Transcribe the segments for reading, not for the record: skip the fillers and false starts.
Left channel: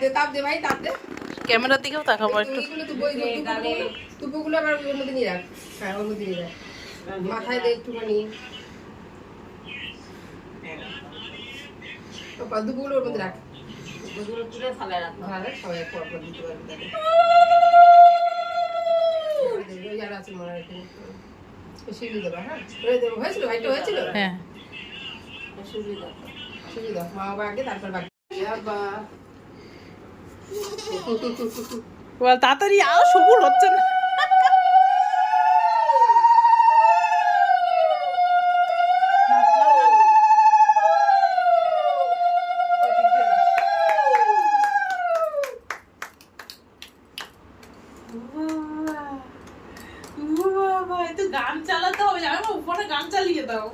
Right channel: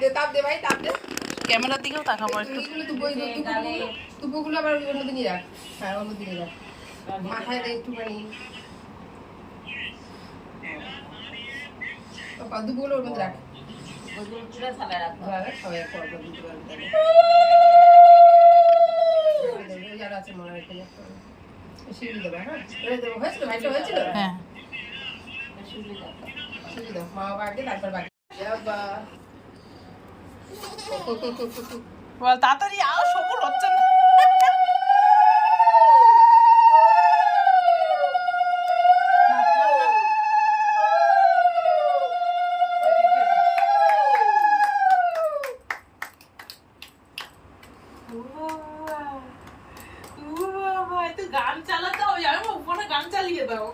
দে ভাই, তাপ দে। ক্যামেরার দিকেও তাকাবো একটু। তুপুগুলো আবার অন্যদিকে রাখ। হ্যাঁ, অন্যদিকে রাখ। মাথায় দে একটুখানি। দুপুগুলো ওর মধ্যে রাখ। ওগুলো পুরো থালায় রাখবো। সবাই পরপর দিতে পারবে। আছে মনে হয় এখানে। শিখে দেবো, হ্যাঁ? হয়েছিল ভাইটা হয়েছিল? হ্যাঁ শিখে দাও, মা বাবা আগে তারপর বাকি। বল তাড়াতাড়ি আও, সবুর হচ্ছে না। গান চালাতে হবে, আমি উপরে গান চালিয়ে দাও।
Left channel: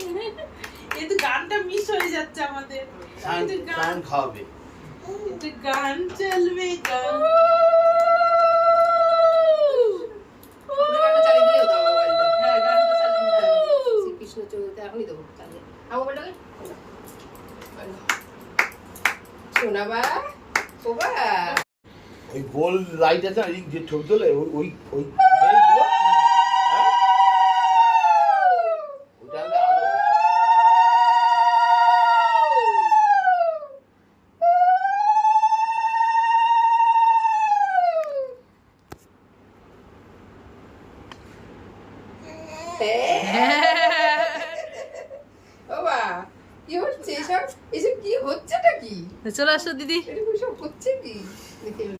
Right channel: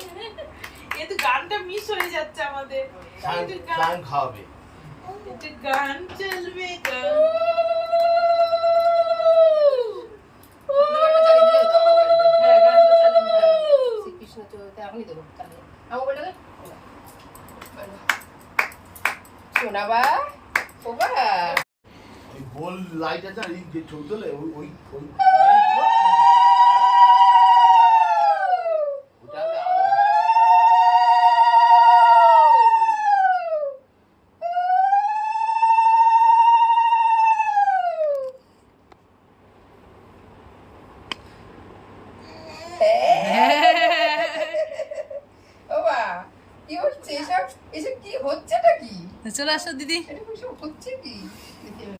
এতে গানটা মিস হয়ে যাচ্ছে আমাদের। গান খাবে, এটা গান চলবে, গান। গানটা চালিয়ে দিলেও দাও মোবাইলটা। হ্যাঁ, গানটা চালিয়ে দিতে হবে। শ্রীকৃষ্ণ চৌতে এখনই দেবো চালিয়ে। আমার মোবাইলটাকে শোনাবা ওবা। ওই গোল লাইট আছে না, যে ছবি তোলে ওই ওই ওই ওবা কি হচ্ছে এসব? এসব কি হচ্ছেটা কি? চলে আসো দিদি। এটা সব হচ্ছে কি?